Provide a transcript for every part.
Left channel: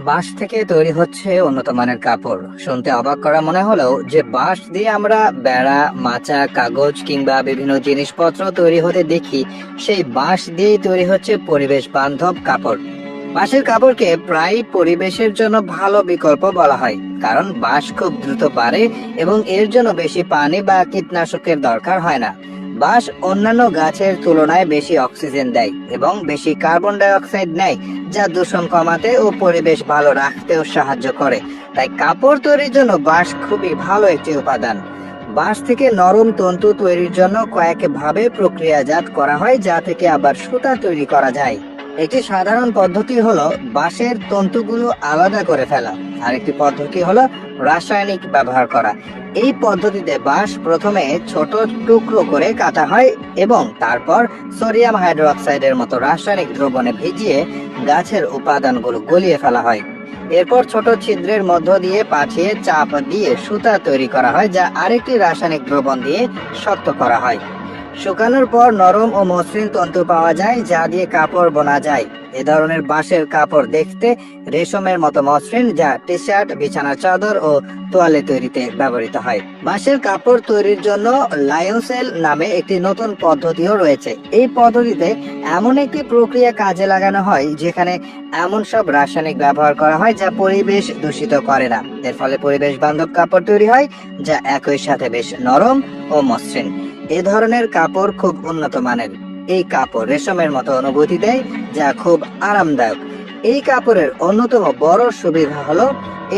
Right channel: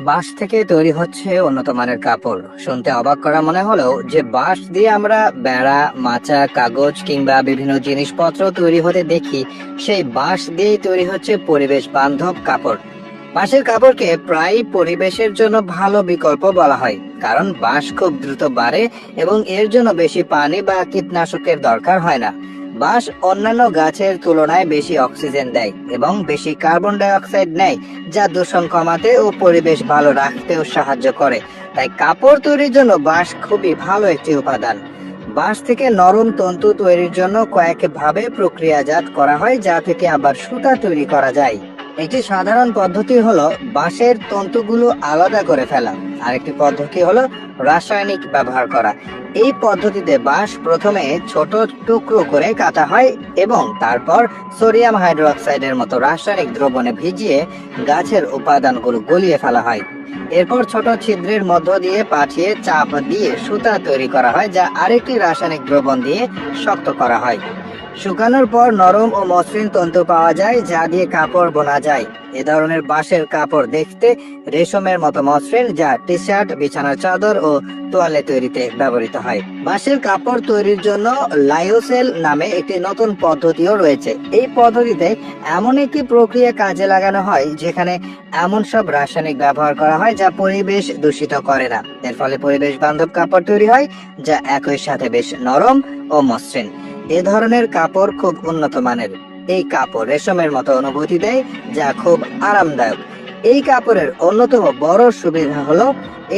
বাঁশ থেকে তৈরি হচ্ছে উন্নত মানের কাপড়। শুনতে অবাক করা মনে হলেও যে বাঁশ দিয়ে আমরা বেড়া, মাচা, কাগজ কিংবা বিভিন্ন জিনিসপত্র তৈরি হতে দেখি, সেই বাঁশ দিয়েই তৈরি হচ্ছে পরিবেশ বান্ধব কাপড়। বাঁশের কাপড়কে প্রায় পরিবেশের জন্য ভালো বিকল্প বলা হয়, কারণ বাঁশ খুব দ্রুত বাড়ে এবং এর জন্য বেশি পানি বা কীটনাশকের দরকার হয় না। বাঁশ অন্যান্য গাছের তুলনায় বেশি অক্সিজেন দেয় এবং বেশি কার্বন ডাই অক্সাইড নেয়, যা দূষণ কমাতে ও পরিবেশ ভালো রাখতেও সাহায্য করে। তাই কাপড় তৈরির জন্য বাঁশ খুবই ভালো একটি উপাদান। বাঁশ থেকে নরম তন্তু তৈরির জন্য কয়েক ভাবে প্রক্রিয়াজাত করা হয়, যা থেকে আবার সুতা তৈরি করা যায়। একটি সাধারণ পদ্ধতি হলো বাঁশের তন্তুগুলো আলাদা করে ফেলা। আরেকটি পদ্ধতি হলো রাসায়নিক ব্যবহার করা। এই পদ্ধতিতে বাঁশ প্রথমে ছোট টুকরো করে কাটা হয় এবং তারপর সোডিয়াম হাইড্রোক্সাইডের মতো রাসায়নিক দ্রবণে ভিজিয়ে গাছের উপাদানগুলো গলিয়ে ফেলা হয়। এরপর ছোট ছিদ্রের মধ্য দিয়ে পাঠিয়ে চাপ দিয়ে সুতা তৈরি করা হয়, যা আরেকটি রাসায়নিক দ্রবণ দিয়ে শক্ত করা হয়। শুকানোর পর নরম ও মসৃণ তন্তু পাওয়া যায়, যা দিয়ে কাপড় বোনা যায়। এ ধরনের বাঁশের কাপড় দেখতে রেশমের মতো মসৃণ, যা টি শার্ট, বিছানার চাদর ও তোয়ালে তৈরিতে ব্যবহৃত হয়। বাঁশের কাপড় তৈরির জন্য লায়োসেল নামে একটি নতুন পদ্ধতিও রয়েছে। এই পদ্ধতিতে এমন একটি প্রক্রিয়া কাজে লাগানো হয় যেখানে এমন সব রাসায়নিক ব্যবহার করা হয় যা পরিবেশ দূষিত করে না। এর ফলে পরিবেশ বান্ধব কাপড় তৈরি হয়, যা একই সাথে বেশ নরম ও মসৃণ। এ ধরনের কাপড় খুব উন্নত মানের। এই কাপড় রেশমের মতো অনুভূতি দেয়, যা খুব আরামদায়ক। এই কাপড়ের অন্যতম বড় সুবিধা হলো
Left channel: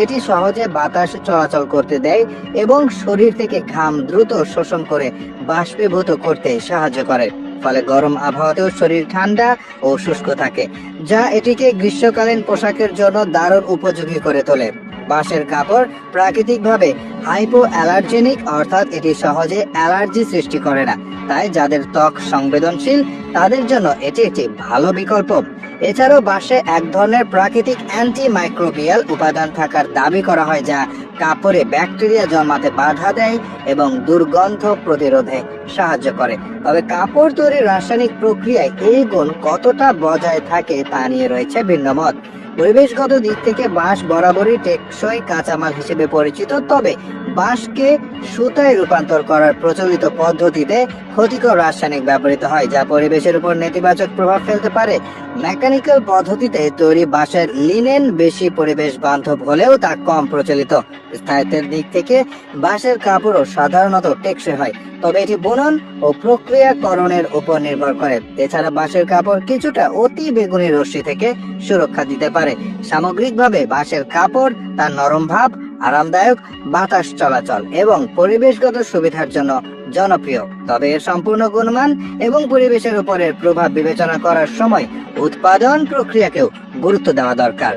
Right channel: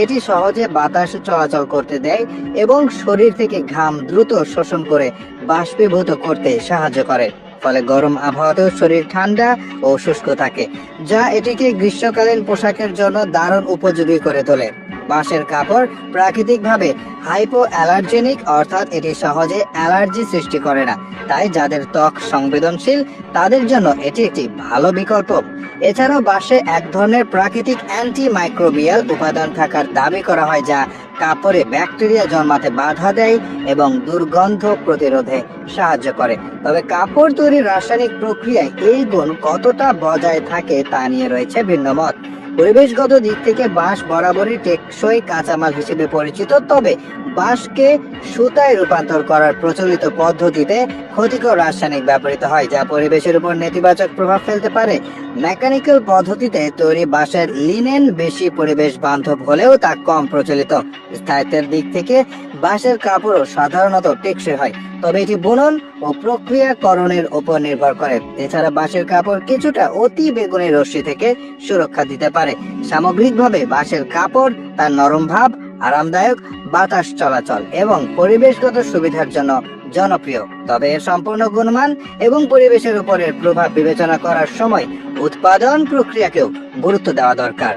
এটি সহজে বাতাস চলাচল করতে দেয় এবং শরীর থেকে ঘাম দ্রুত শোষণ করে বাষ্পীভূত করতে সাহায্য করে। ফলে গরম আবহাওয়াতেও শরীর ঠান্ডা ও শুষ্ক থাকে, যা এটিকে গ্রীষ্মকালীন পোশাকের জন্য দারুণ উপযোগী করে তোলে। বাঁশের কাপড় প্রাকৃতিকভাবে হাইপো অ্যালার্জেনিক, অর্থাৎ এটি সহজে অ্যালার্জি সৃষ্টি করে না। তাই যাদের ত্বক সংবেদনশীল তাদের জন্য এটি একটি ভালো বিকল্প। এছাড়াও বাঁশে এক ধরনের প্রাকৃতিক অ্যান্টি মাইক্রোবিয়াল উপাদান থাকার দাবি করা হয়, যা কাপড়ে ব্যাকটেরিয়া জন্মাতে বাধা দেয় এবং দুর্গন্ধ প্রতিরোধে সাহায্য করে। তবে কাপড় তৈরির রাসায়নিক প্রক্রিয়ায় এই গুণ কতটা বজায় থাকে তা নিয়ে রয়েছে ভিন্ন মত। পরিবেশগত দিক থেকে বাঁশ বরাবরই টেকসই কাঁচামাল হিসেবে পরিচিত, তবে বাঁশকে সুতায় রূপান্তর করার প্রচলিত পদ্ধতিতে ক্ষতিকর রাসায়নিক ব্যবহৃত হয়, যা পরিবেশের উপর নেতিবাচক প্রভাব ফেলতে পারে। মেকানিক্যাল পদ্ধতিতে তৈরি বাঁশের লিনেন বেশি পরিবেশ বান্ধব হলেও তা কম প্রচলিত। স্থায়িত্বের দিক থেকে বাঁশের কাপড়ও সাধারণত টেকসই হয়, তবে এটি বুনন ও প্রক্রিয়াকরণের উপর নির্ভর করে। এছাড়া বাঁশের কাপড় কিছুটা অতি বেগুনি রশ্মি থেকে সুরক্ষা দিতে পারে। সামগ্রিকভাবে বাঁশের কাপড় তার নরম ভাব, আরামদায়ক বাতাস চলাচল এবং পরিবেশগত সুবিধার জন্য জনপ্রিয়। তবে এর সম্পূর্ণ গুণমান এবং পরিবেশের উপরের প্রভাব বিবেচনা করার সময় উৎপাদন প্রক্রিয়াকেও গুরুত্ব দেওয়া দরকার।